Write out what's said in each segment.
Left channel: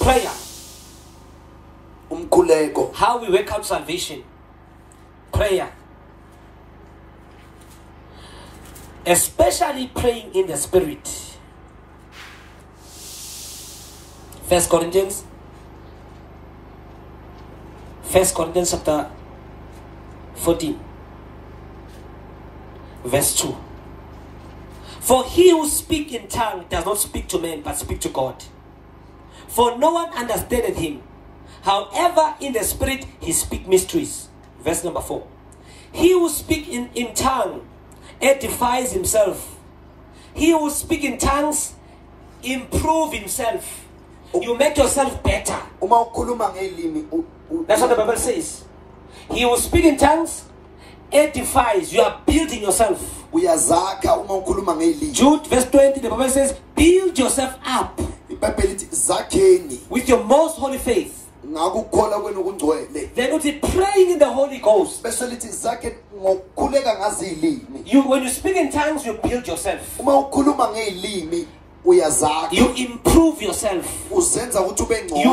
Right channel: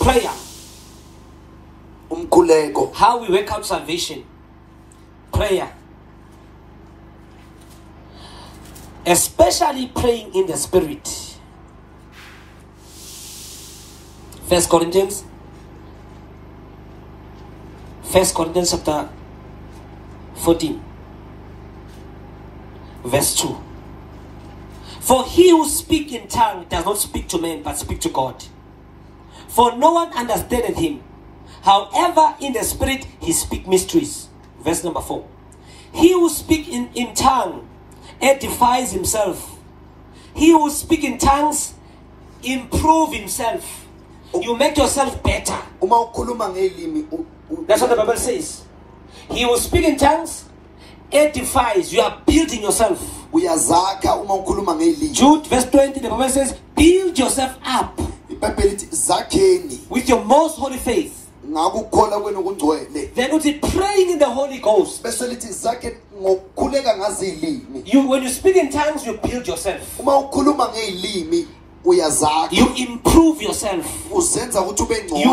Prayer. Umkhuleko. How we work out salvation. Prayer. Especially praying in the spirit. 1 Corinthians chapter 14 verse 2. For he who speaks in tongue does not speak to men, but speak to God. For no one understandeth him. However, in the spirit he speaks mysteries. Verse number 4. He who speaks in tongue edifies himself. He who speaks in tongues improve himself. You make yourself better. That's what the Bible says. He who speaks in tongues edifies. You are building yourself. Jude verse 20, the Bible says, build yourself up with your most holy faith. Then it's praying in the Holy Ghost. When you speak in tongues, you build yourself. You improve yourself. You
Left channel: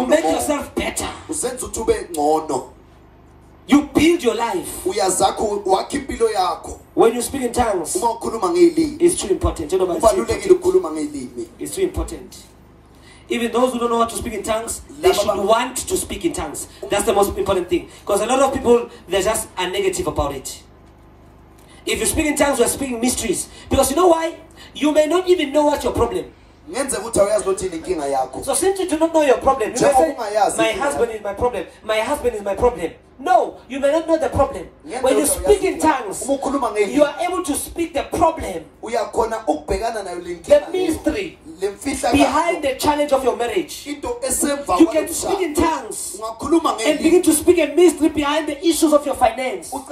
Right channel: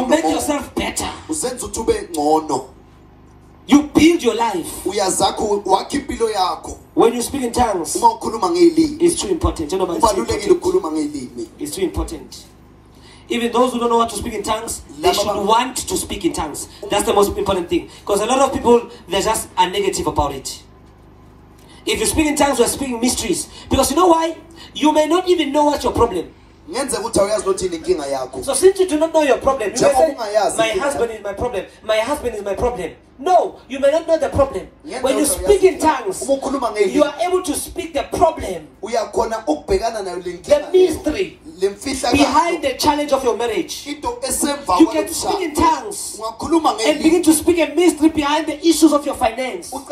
make yourself better. You build your life. When you speak in tongues, it's too important. It's too important. Even those who don't know how to speak in tongues, they should want to speak in tongues. That's the most important thing. Because a lot of people, they just are negative about it. If you speak in tongues, you are speaking mysteries. Because you know why? You may not even know what's your problem. So since you do not know your problem, you may say, my husband is my problem. My husband is my problem. No, you may not know the problem. When you speak in tongues, you are able to speak the problem, the mystery behind the challenge of your marriage. You can speak in tongues and begin to speak a mystery behind the issues of your finance. When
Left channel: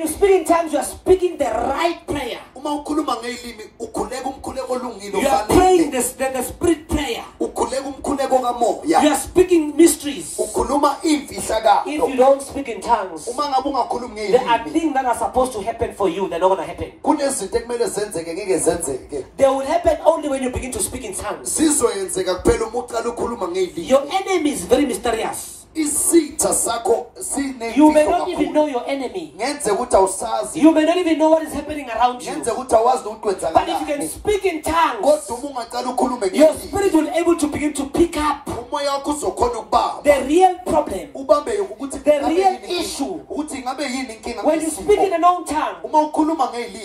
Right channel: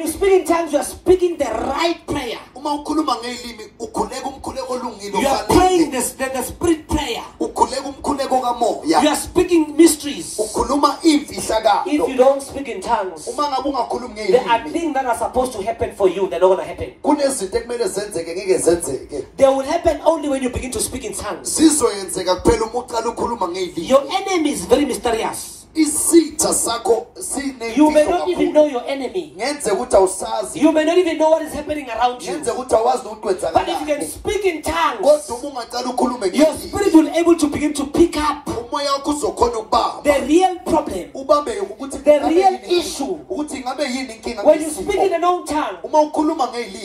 you speak in tongues, you are speaking the right prayer. You are praying the spirit prayer. You are speaking mysteries. If you don't speak in tongues, there are things that are supposed to happen for you that are not going to happen. They will happen only when you begin to speak in tongues. Your enemy is very mysterious. You may not even know your enemy. You may not even know what is happening around you. But if you can speak in tongues, your spirit will be able to begin to pick up the real problem, the real issue. When you speak in a known tongue,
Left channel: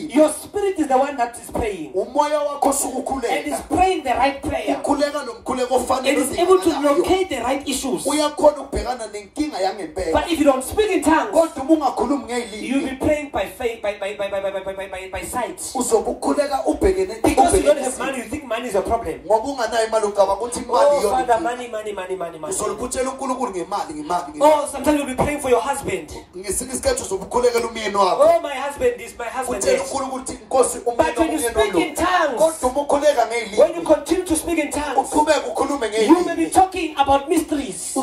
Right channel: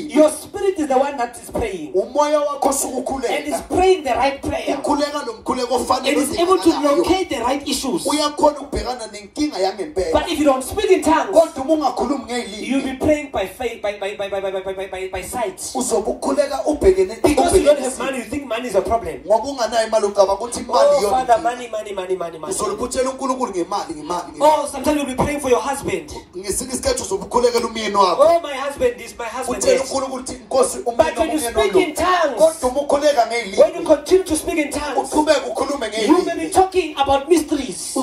your spirit is the one that is praying. And is praying the right prayer. And is able to locate the right issues. But if you don't speak in tongues, you'll be praying by faith, by sight. Because you don't have money, you think money is a problem. Oh, Father, money. Oh, sometimes you'll be praying for your husband. Oh, my husband is. But when you speak in tongues, when you continue to speak in tongues, you may be talking about mysteries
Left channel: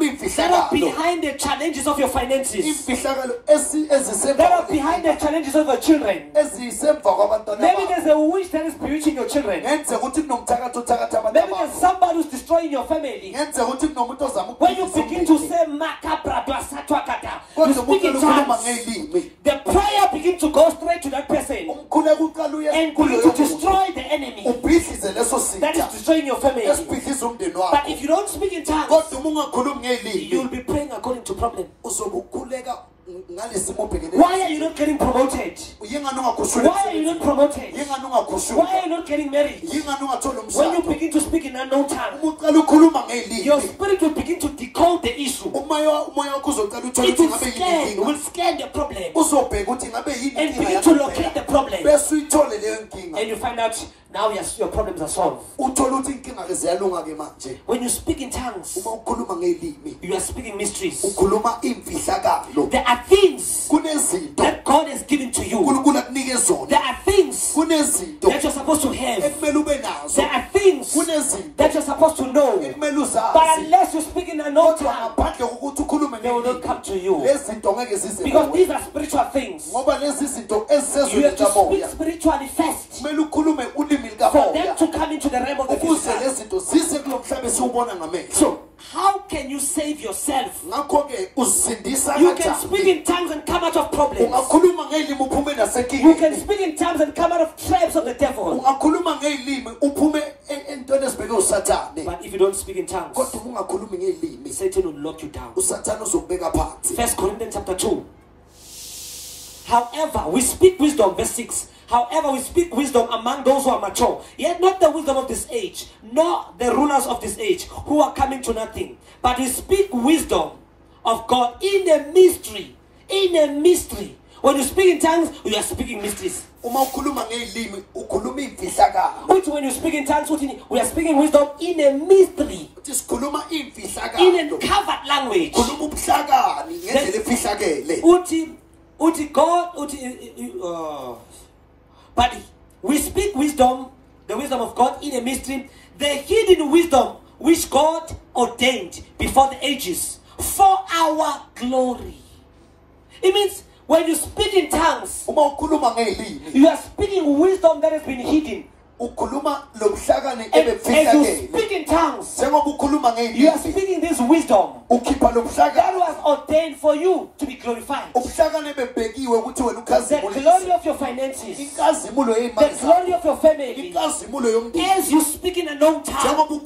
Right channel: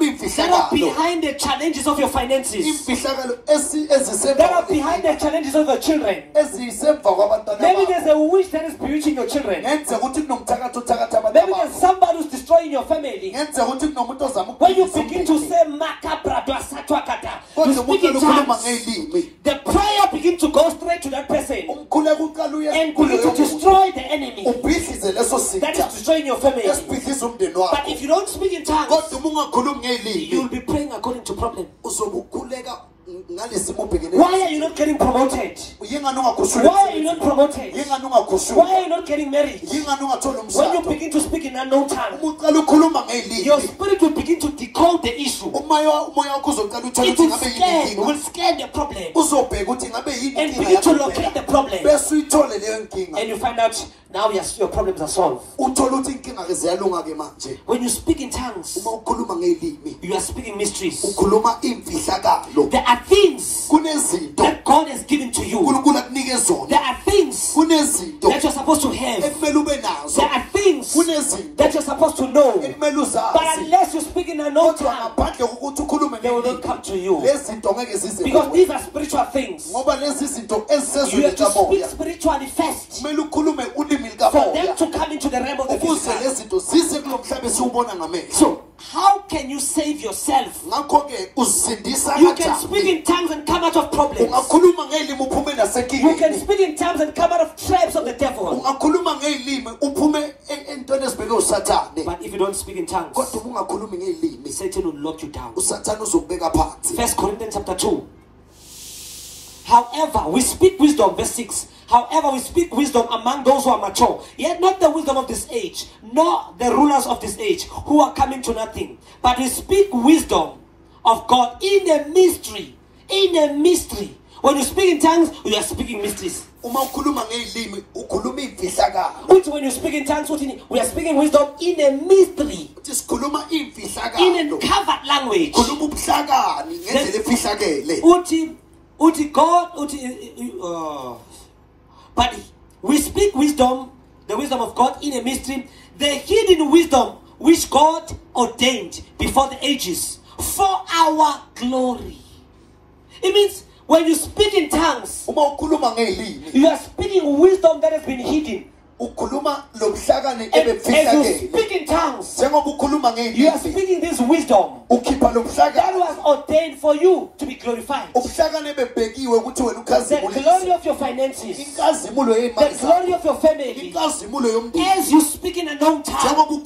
that are behind the challenges of your finances, that are behind the challenges of your children. Maybe there's a witch that is bewitching your children. Maybe there's somebody who's destroying your family. When you begin to say you speak in tongues, the prayer begins to go straight to that person and begin to destroy the enemy that is destroying your family. But if you don't speak in tongues, you will be praying according to problem. Why are you not getting promoted? Why are you not promoted? Why are you not getting married? When you begin to speak in unknown tongue, your spirit will begin to decode the issue. It will scare the problem and begin to locate the problem. And you find out now your problems are solved. When you speak in tongues, you are speaking mysteries. There are things that God has given to you. There are things that you're supposed to have. There are things that you're supposed to know. But unless you speak in another tongue, they will not come to you. Because these are spiritual things. You have to speak spiritually first for them to come into the realm of the physical. So, how can you save yourself? You can speak in tongues and come out of problems. You can speak in tongues and come out of traps of the devil. But if you don't speak in tongues, Satan will lock you down. 1 Corinthians chapter 2. However, we speak wisdom, verse 6. However, we speak wisdom among those who are mature, yet not the wisdom of this age, nor the rulers of this age, who are coming to nothing. But we speak wisdom of God in a mystery. In a mystery. When you speak in tongues, you are speaking mysteries. When you speak in tongues, we are speaking wisdom in a mystery. In a covered language. But we speak wisdom, the wisdom of God in a mystery, the hidden wisdom which God ordained before the ages for our glory. It means when you speak in tongues, you are speaking wisdom that has been hidden. And as you speak in tongues, you are speaking this wisdom that was ordained for you to be glorified. The glory of your finances, the glory of your family. As you speak in a known tongue,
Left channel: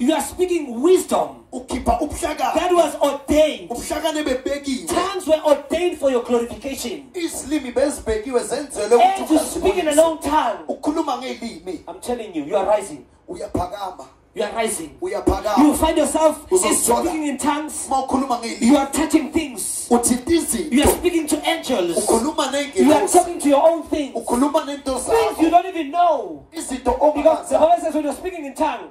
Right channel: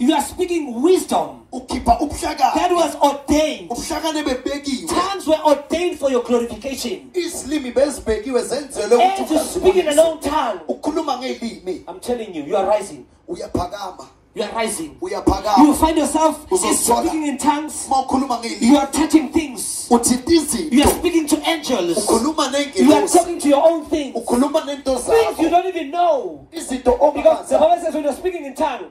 you are speaking wisdom that was ordained. Tongues were ordained for your glorification. As you speak in a known tongue, I'm telling you, you are rising. You are rising. You find yourself speaking in tongues. You are touching things. You are speaking to angels. You are talking to your own things. Things you don't even know. Because the Bible says when you're speaking in tongues,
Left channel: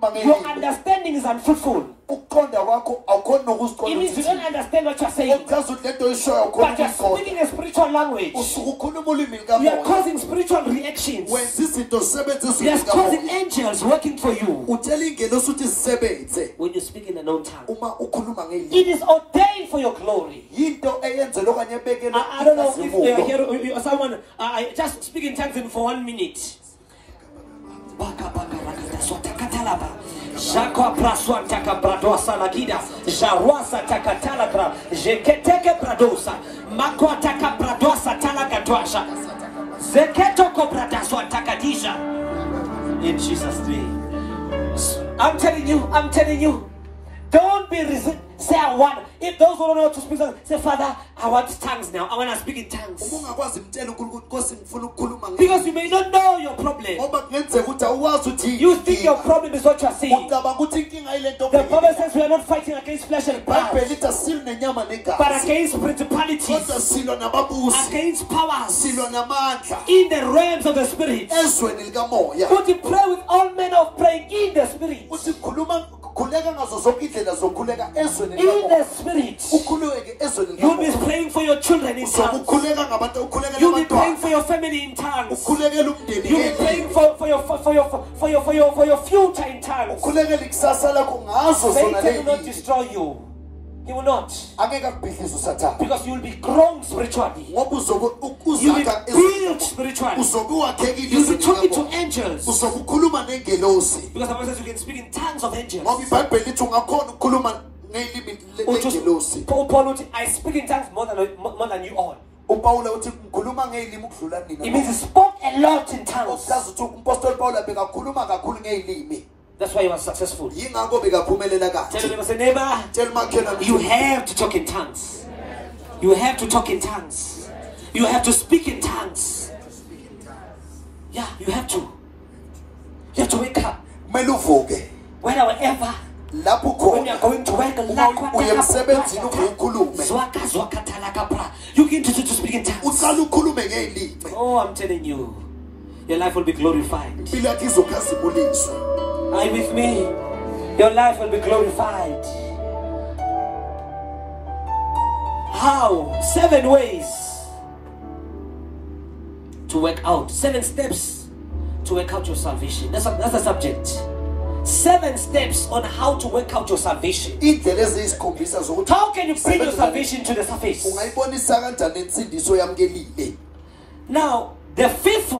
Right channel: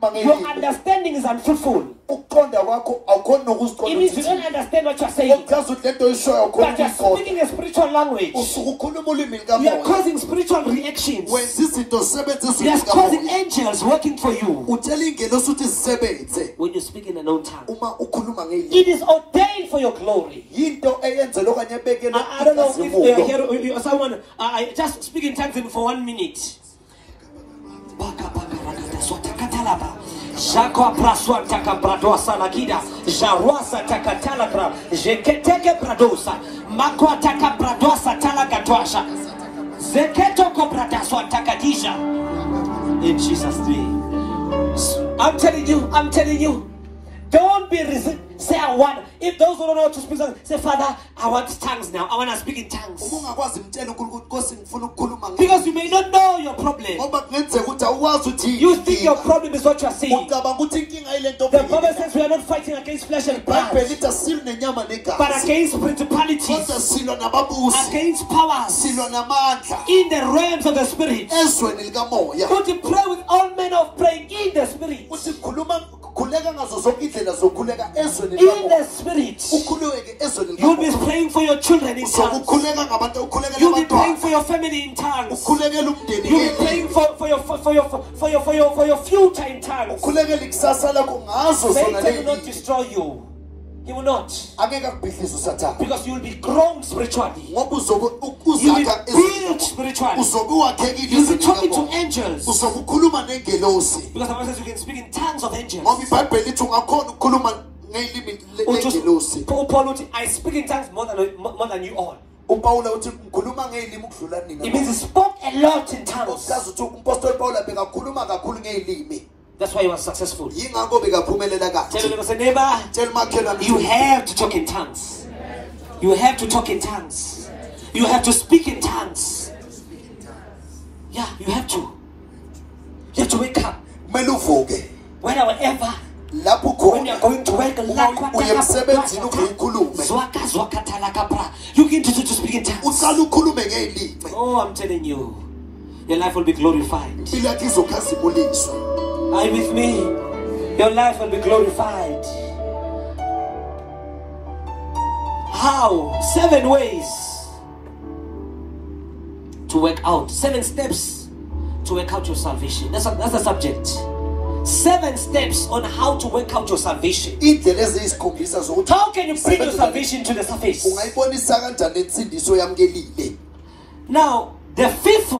your understanding is unfruitful. It means you don't understand what you're saying. But you're speaking a spiritual language. You are causing spiritual reactions. You're causing angels working for you. When you speak in a known tongue, it is ordained for your glory. I don't know if you're someone, just speak in tongues for 1 minute. Jakwa praswa taka bradosa lakida jawasa taka talakra jeketeke bradosa makwa taka bradosa talagatwasha zeketo ko bradaswa takadisha. In Jesus' name, I'm telling you, don't be resistant. Say I want. If those who don't know how to speak, say, Father, I want tongues now. I want to speak in tongues. Because you may not know your problem. You think your problem is what you are saying. The Bible says we are not fighting against flesh and blood, but against principalities, against powers, in the realms of the spirit. But you pray with all men of praying in the spirit. In the spirit, you'll be praying for your children in tongues. You'll be praying for your family in tongues. You'll be praying for your future in tongues. Satan will not destroy you. He will not. Because you will be grown spiritually. You will be built spiritually. You will be talking to angels. Because the Bible says you can speak in tongues of angels. Paul, I speak in tongues more than you all. It means he spoke a lot in tongues. That's why he was successful. Tell him, say, neighbor, you have to talk in tongues. You have to talk in tongues. You have to speak in tongues. Yeah, you have to. You have to wake up. Whenever, when you're going to work, you begin to speak in tongues. Oh, I'm telling you, your life will be glorified. Are you with me? Your life will be glorified. How? 7 ways to work out. 7 steps to work out your salvation. That's the subject. 7 steps on how to work out your salvation. How can you bring your salvation to the surface? Now, the 5th